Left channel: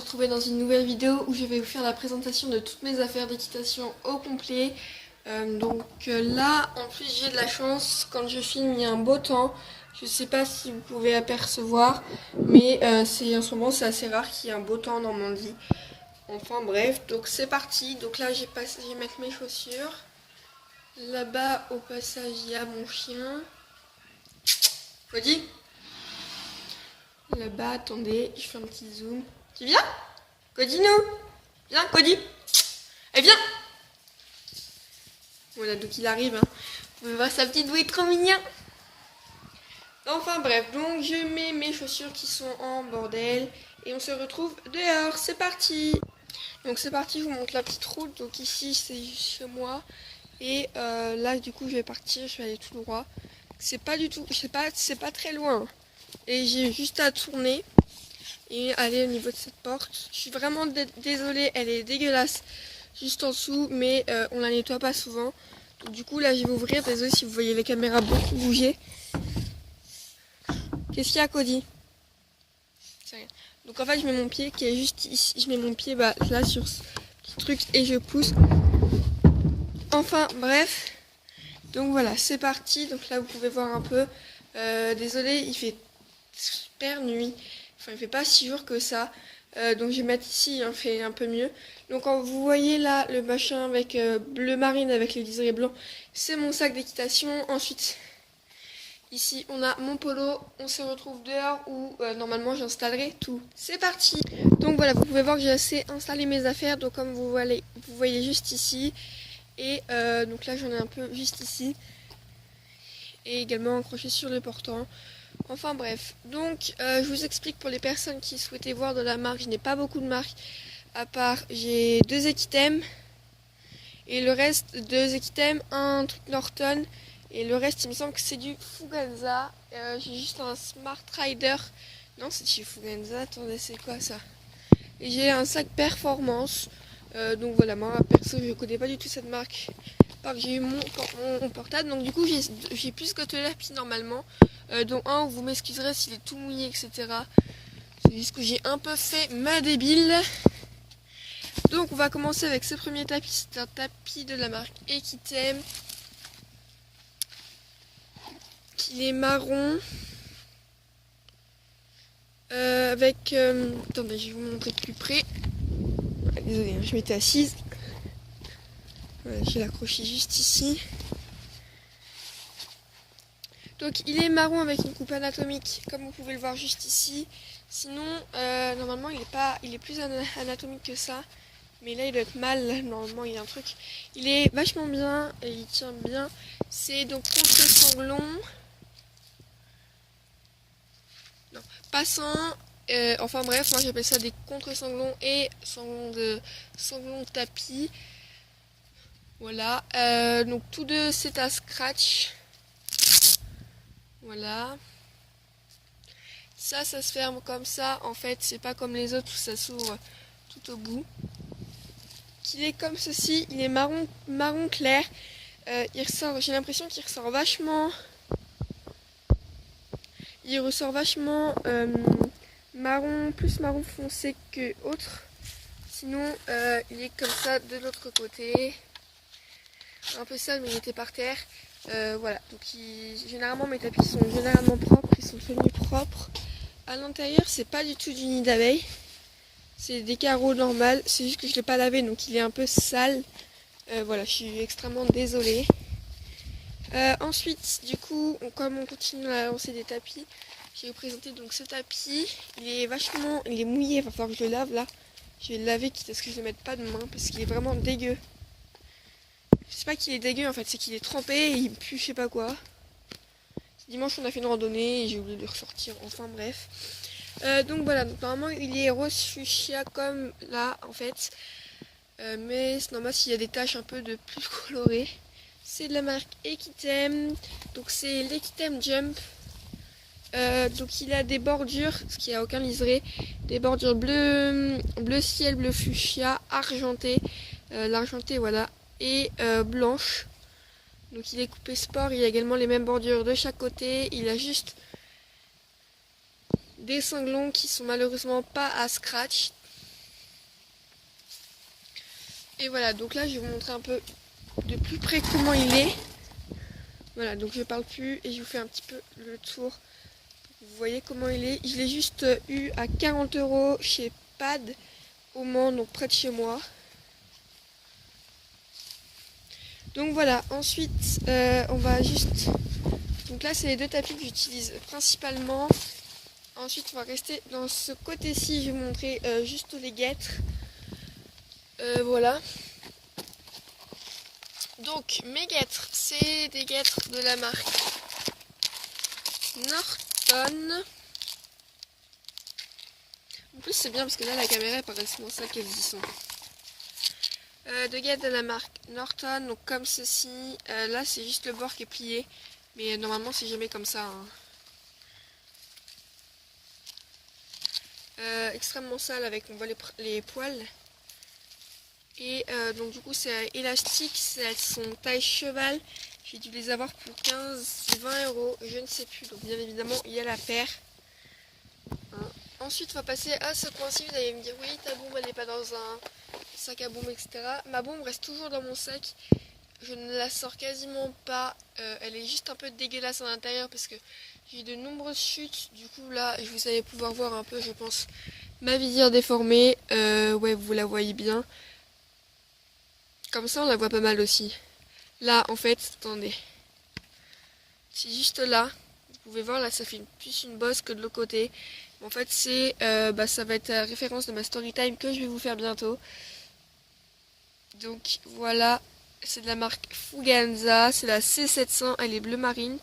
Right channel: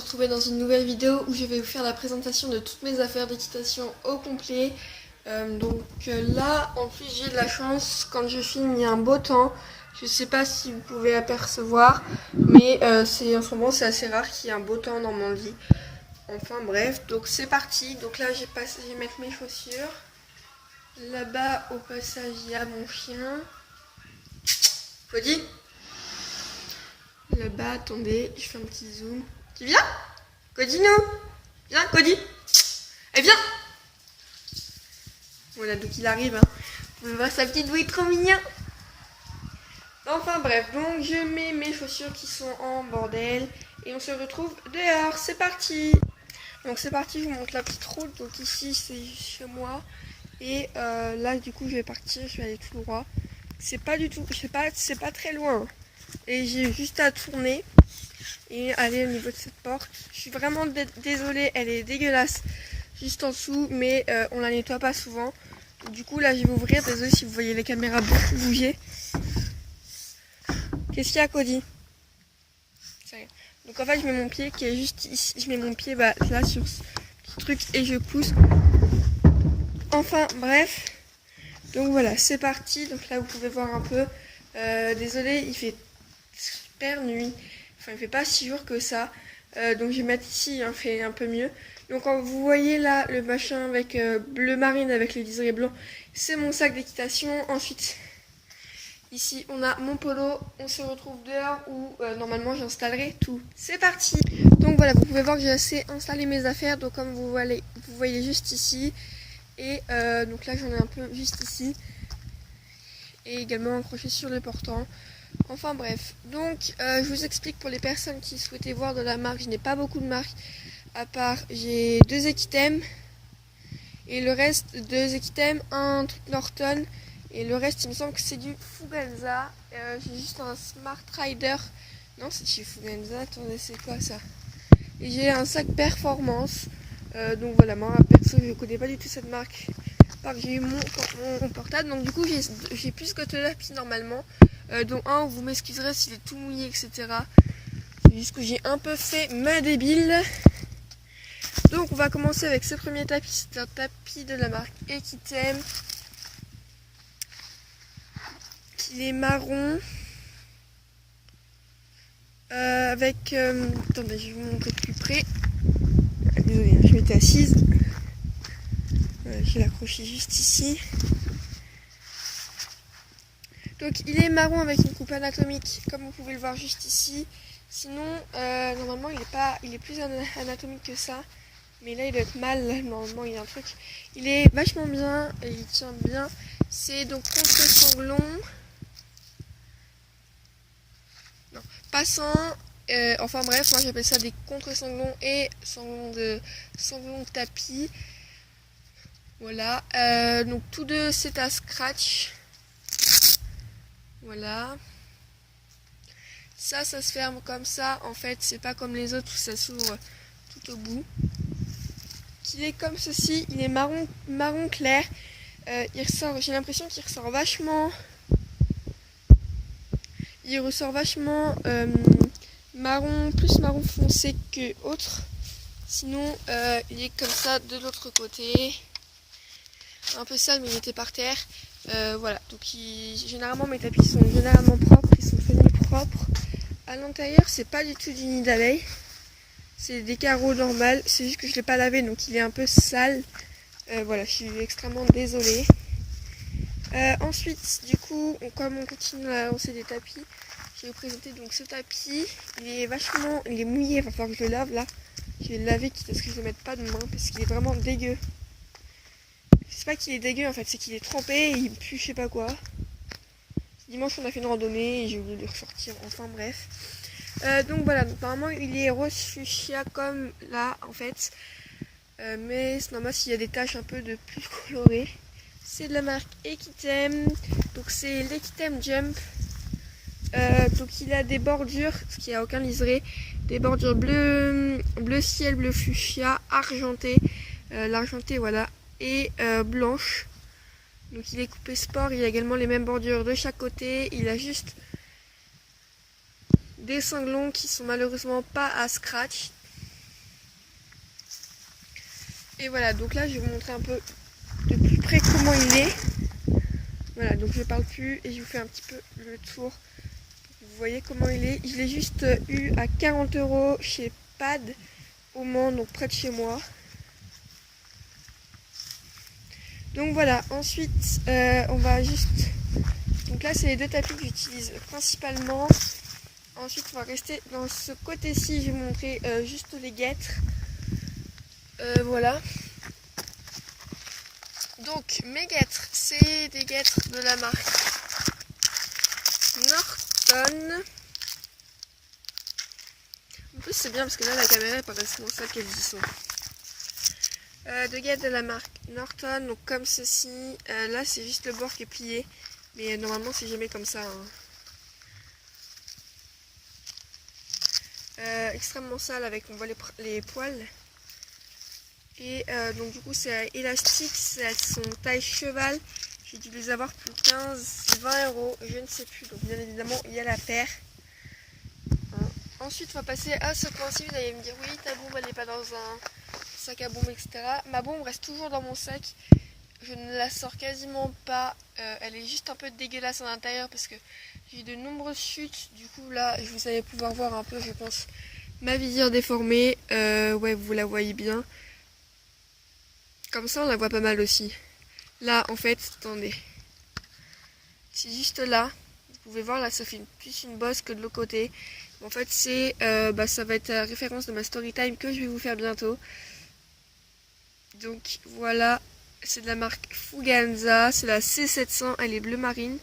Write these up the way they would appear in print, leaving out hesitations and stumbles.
se retrouver dans une nouvelle vidéo où je vais vous faire la présentation de toutes mes affaires d'équitation au complet. Là, en plus j'ai de la chance, quand je filme il y a un beau temps. Je sais pas si vous pouvez apercevoir, mais en ce moment c'est assez rare qu'il y ait un beau temps dans mon lit. Enfin bref, donc c'est parti. Donc là je vais mettre mes chaussures. Là-bas au passage il y a mon chien. Cody. Là-bas, attendez, je fais un petit zoom. Tu viens? Cody, non? Viens, Cody. Eh, viens. Voilà, donc il arrive. Hein. Vous pouvez voir sa petite bouille trop mignon. Enfin bref, donc je mets mes chaussures qui sont en bordel. Et on se retrouve dehors. C'est parti. Donc c'est parti, je vous montre la petite route. Donc ici, c'est chez moi. Et là, du coup, je vais partir. Je vais aller tout droit. C'est pas du tout, c'est pas très loin. Et j'ai juste à tourner et aller au niveau de cette porte. Je suis vraiment désolée, elle est dégueulasse juste en dessous, mais on la nettoie pas souvent. Du coup là je vais ouvrir, désolée si vous voyez les caméras beaucoup bouger. Qu'est-ce qu'il y a, Cody? Donc en fait je mets mon pied qui est juste ici, je mets mon pied là sur ce petit truc et je pousse. Enfin bref, donc voilà, c'est parti. Donc là vous pouvez voir un peu, désolée, il fait super nuit. Enfin, il fait pas si jour que ça. Donc je vais mettre ici, il fait un peu mieux. Donc quand vous voyez là le machin avec bleu marine avec les liserés blancs, c'est mon sac d'équitation. Ensuite, ici on a mon polo. On se retrouve dehors où normalement j'installerai tout. C'est parti. Donc voilà, vous pouvez voir que j'ai assez installé mes affaires. Donc comme vous voyez juste ici. Et donc là j'en ai un peu juste ici. Et également accroché sur le portant. Enfin bref, donc je vous explique pour les personnes qui souhaitaient voir de la marque. Je n'ai pas beaucoup de marques, à part j'ai 2 Equitem et le reste 2 Equitem, un truc Norton et le reste il me semble que c'est du Fuganza. J'ai juste un Smart Rider, non c'est chez Fuganza, attendez c'est quoi ça? Et j'ai un sac Performance, donc voilà, moi perso je connais pas du tout cette marque. J'ai eu mon portable, donc du coup j'ai plus que là normalement, dont un où vous m'excuserez s'il est tout mouillé, etc. C'est juste que j'ai un peu fait ma débile. Donc on va commencer avec ce premier tapis. C'est un tapis de la marque Equitem. Il est marron. Attendez, je vais vous montrer de plus près. Ah, désolée, je m'étais assise. Je vais l'accrocher juste ici. Donc il est marron avec une coupe anatomique, comme vous pouvez le voir juste ici. Sinon, normalement il est plus anatomique que ça. Mais là il doit être mal, normalement il y a un truc. Il est vachement bien et il tient bien. C'est donc contre-sanglon. Non, passant. Enfin bref, moi j'appelle ça des contre-sanglons et sanglons de tapis. Voilà. Donc tous deux c'est à scratch. Voilà. Ça se ferme comme ça. En fait, c'est pas comme les autres où ça s'ouvre tout au bout. Il est comme ceci. Il est marron clair. Il ressort. J'ai l'impression qu'il ressort vachement. Il ressort vachement plus marron foncé que autre. Sinon, il est comme ça de l'autre côté. Un peu sale, mais il était par terre. Voilà, donc généralement mes tapis sont généralement propres, ils sont finis propres. À l'intérieur, c'est pas du tout du nid d'abeille, c'est des carreaux normaux, c'est juste que je l'ai pas lavé donc il est un peu sale. Voilà, je suis extrêmement désolée. Ensuite, du coup, comme on continue à lancer des tapis, je vais vous présenter donc ce tapis. Il est mouillé, il va falloir que je le lave là. Je vais le laver quitte à ce que je ne mette pas de main parce qu'il est vraiment dégueu. C'est pas qu'il est dégueu en fait, c'est qu'il est trempé et il pue je sais pas quoi. Dimanche on a fait une randonnée et j'ai oublié de le ressortir, enfin bref. Donc voilà, donc, normalement il est rose fuchsia comme là en fait. Mais c'est normal s'il y a des taches un peu de plus colorées. C'est de la marque Equitem, donc c'est l'Equitem Jump. Donc il a des bordures, parce qu'il n'y a aucun liseré, des bordures bleu ciel, bleu fuchsia, argenté. L'argenté voilà. Et blanche. Donc il est coupé sport, il a également les mêmes bordures de chaque côté. Il a juste des cinglons qui sont malheureusement pas à scratch. Et voilà, donc là je vais vous montrer un peu de plus près comment il est. Voilà, donc je parle plus et je vous fais un petit peu le tour. Vous voyez comment il est. Je l'ai juste eu à 40 € chez Pad au Mans, donc près de chez moi. Donc voilà, ensuite on va juste... Donc là c'est les deux tapis que j'utilise principalement. Ensuite on va rester dans ce côté-ci, je vais vous montrer juste les guêtres. Voilà. Donc mes guêtres, c'est des guêtres de la marque Norton. En plus c'est bien parce que là la caméra est pas responsable ça qu'elles y sont. De guêtres de la marque Norton, donc comme ceci. Là c'est juste le bord qui est plié, mais normalement c'est jamais comme ça. Extrêmement sale avec, on voit les poils. Et donc du coup c'est élastique, elles sont taille cheval. J'ai dû les avoir pour 15-20 €, je ne sais plus. Donc bien évidemment il y a la paire. Ensuite on va passer à ce coin-ci. Vous allez me dire oui ta bombe elle n'est pas dans un sac à bombe etc. Ma bombe reste toujours dans mon sac. Je ne la sors quasiment pas. Elle est juste un peu dégueulasse à l'intérieur parce que j'ai eu de nombreuses chutes. Du coup là vous allez pouvoir voir un peu je pense ma visière déformée. Ouais vous la voyez bien. Comme ça on la voit pas mal aussi. Là en fait, attendez. C'est juste là. Vous pouvez voir là ça fait plus une bosse que de l'autre côté. En fait c'est ça va être la référence de ma story time que je vais vous faire bientôt. Donc voilà, c'est de la marque Fuganza, c'est la C700, elle est bleu marine.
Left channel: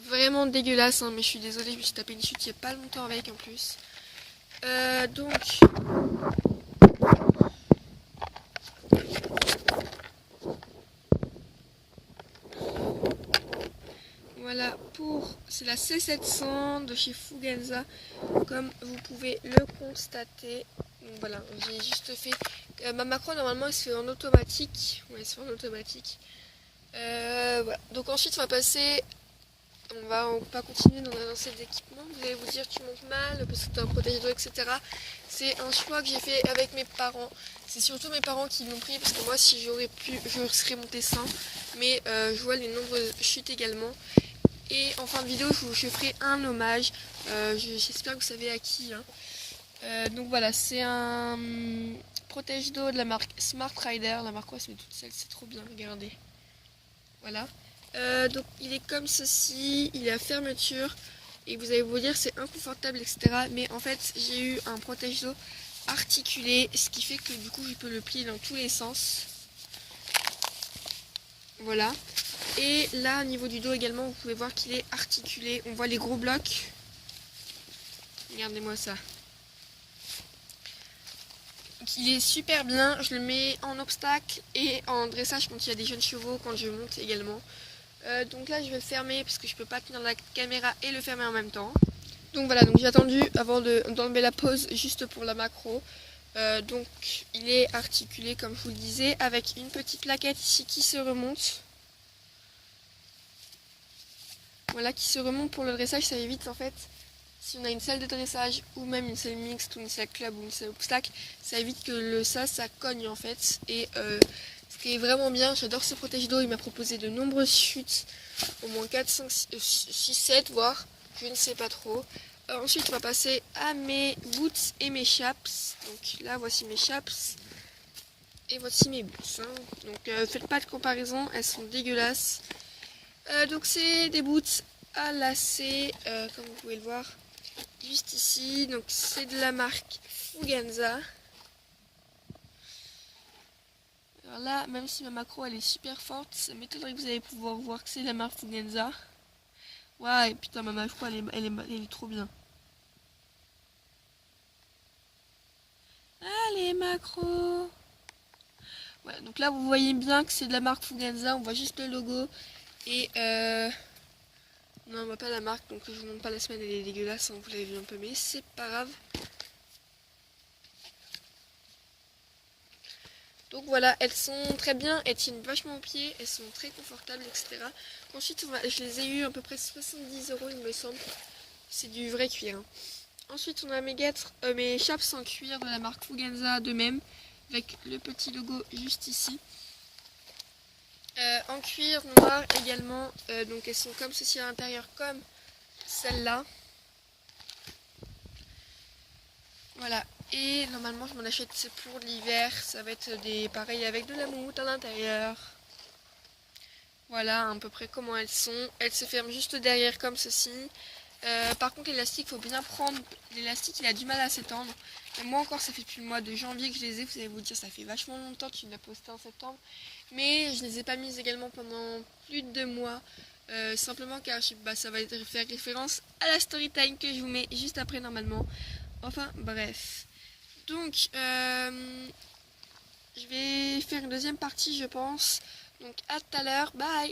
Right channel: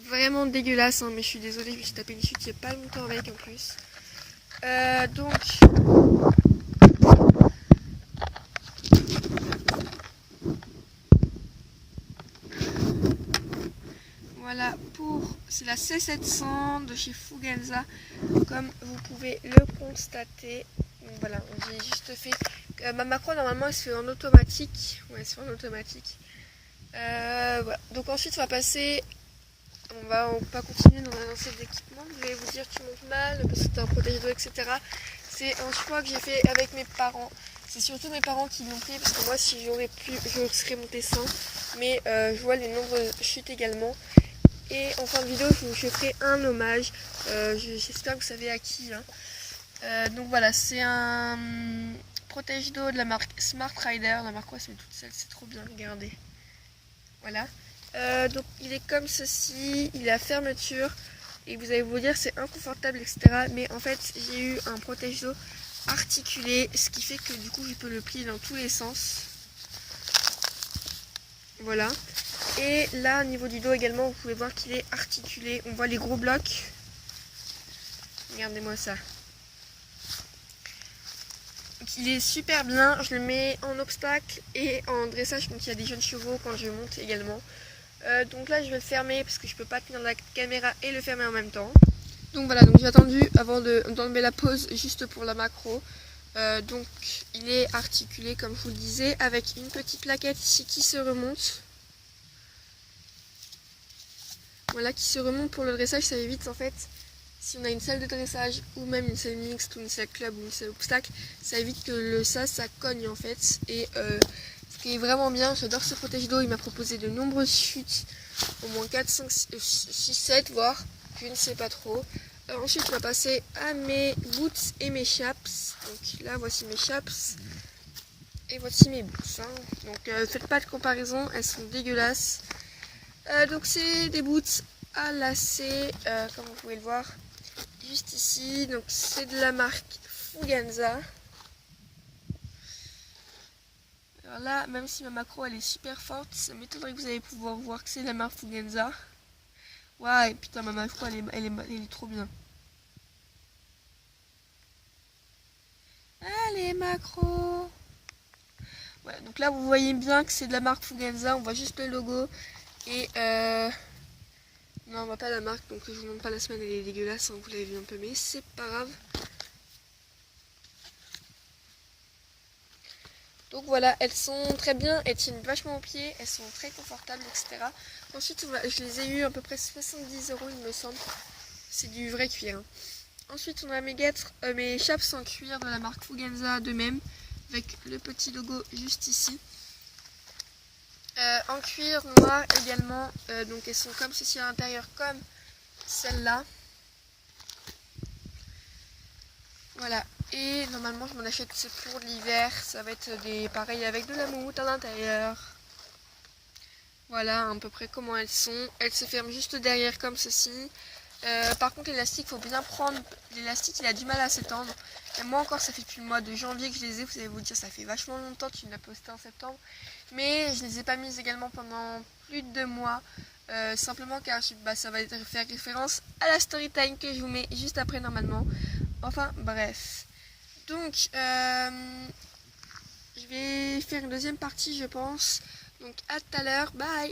Vraiment dégueulasse hein, mais je suis désolée, je me suis tapé une chute il n'y a pas longtemps avec en plus. Donc voilà, c'est la C700 de chez Fuganza, comme vous pouvez le constater. Donc voilà, j'ai juste fait... ma macro normalement elle se fait en automatique. Ouais, elle se fait en automatique. Voilà. Donc ensuite on va passer... On va continuer dans un ensemble d'équipements. Vous allez vous dire tu montes mal, parce que c'est un protège-dos, etc. C'est un choix que j'ai fait avec mes parents. C'est surtout mes parents qui l'ont pris, parce que moi si j'aurais pu, je serais montée sans. Mais je vois les nombreuses chutes également. Et en fin de vidéo, je ferai un hommage. J'espère que vous savez à qui. Hein. Donc voilà, c'est un protège-dos de la marque Smart Rider. La marque, ouais, c'est toute seule, c'est trop bien, regardez. Voilà. Donc il est comme ceci, il a fermeture. Et vous allez vous dire c'est inconfortable, etc. Mais en fait, j'ai eu un protège-dos articulé, ce qui fait que du coup, je peux le plier dans tous les sens. Voilà. Et là au niveau du dos également vous pouvez voir qu'il est articulé. On voit les gros blocs. Regardez-moi ça. Donc, il est super bien. Je le mets en obstacle et en dressage quand il y a des jeunes chevaux, quand je monte également. Donc là je vais le fermer parce que je peux pas tenir la caméra et le fermer en même temps. Donc voilà, donc j'ai attendu avant d'enlever la pause juste pour la macro. Donc il est articulé comme je vous le disais avec une petite plaquette ici qui se remonte. Voilà, qui se remonte pour le dressage, ça évite en fait, si on a une salle de dressage ou même une salle mixte ou une salle club ou une salle obstacle, ça évite que le ça cogne en fait. Et ce qui est vraiment bien, j'adore ce protège-dos, il m'a proposé de nombreuses chutes, au moins 4, 5, 6, 7 voire, je ne sais pas trop. Ensuite on va passer à mes boots et mes chaps. Donc là voici mes chaps et voici mes boots. Hein. Donc faites pas de comparaison, elles sont dégueulasses. Donc c'est des boots à lacets, comme vous pouvez le voir juste ici. Donc c'est de la marque Fuganza. Alors là, même si ma macro elle est super forte, ça m'étonnerait que vous allez pouvoir voir que c'est de la marque Fuganza. Ouais, putain ma macro elle est trop bien. Allez macro. Voilà, donc là vous voyez bien que c'est de la marque Fuganza, on voit juste le logo. Et non, on voit pas la marque, donc je vous montre pas la semaine, elle est dégueulasse, hein, vous l'avez vu un peu, mais c'est pas grave. Donc voilà, elles sont très bien, elles tiennent vachement aux pieds, elles sont très confortables, etc. Ensuite, je les ai eu à peu près 70 € il me semble. C'est du vrai cuir. Hein. Ensuite, on a mes chaps en cuir de la marque Fugenza de même, avec le petit logo juste ici. En cuir noir également, donc elles sont comme ceci à l'intérieur, comme celle-là. Voilà, et normalement je m'en achète, c'est pour l'hiver, ça va être des pareils avec de la moumoute à l'intérieur. Voilà à peu près comment elles sont. Elles se ferment juste derrière comme ceci. Par contre l'élastique, il faut bien prendre. L'élastique il a du mal à s'étendre. Et moi encore ça fait depuis le mois de janvier que je les ai. Vous allez vous dire ça fait vachement longtemps, tu me l'as posté en septembre. Mais je ne les ai pas mises également pendant plus de 2 mois. Simplement car ça va faire référence à la story time que je vous mets juste après normalement. Enfin bref. Donc je vais faire une deuxième partie je pense. Donc à tout à l'heure, bye.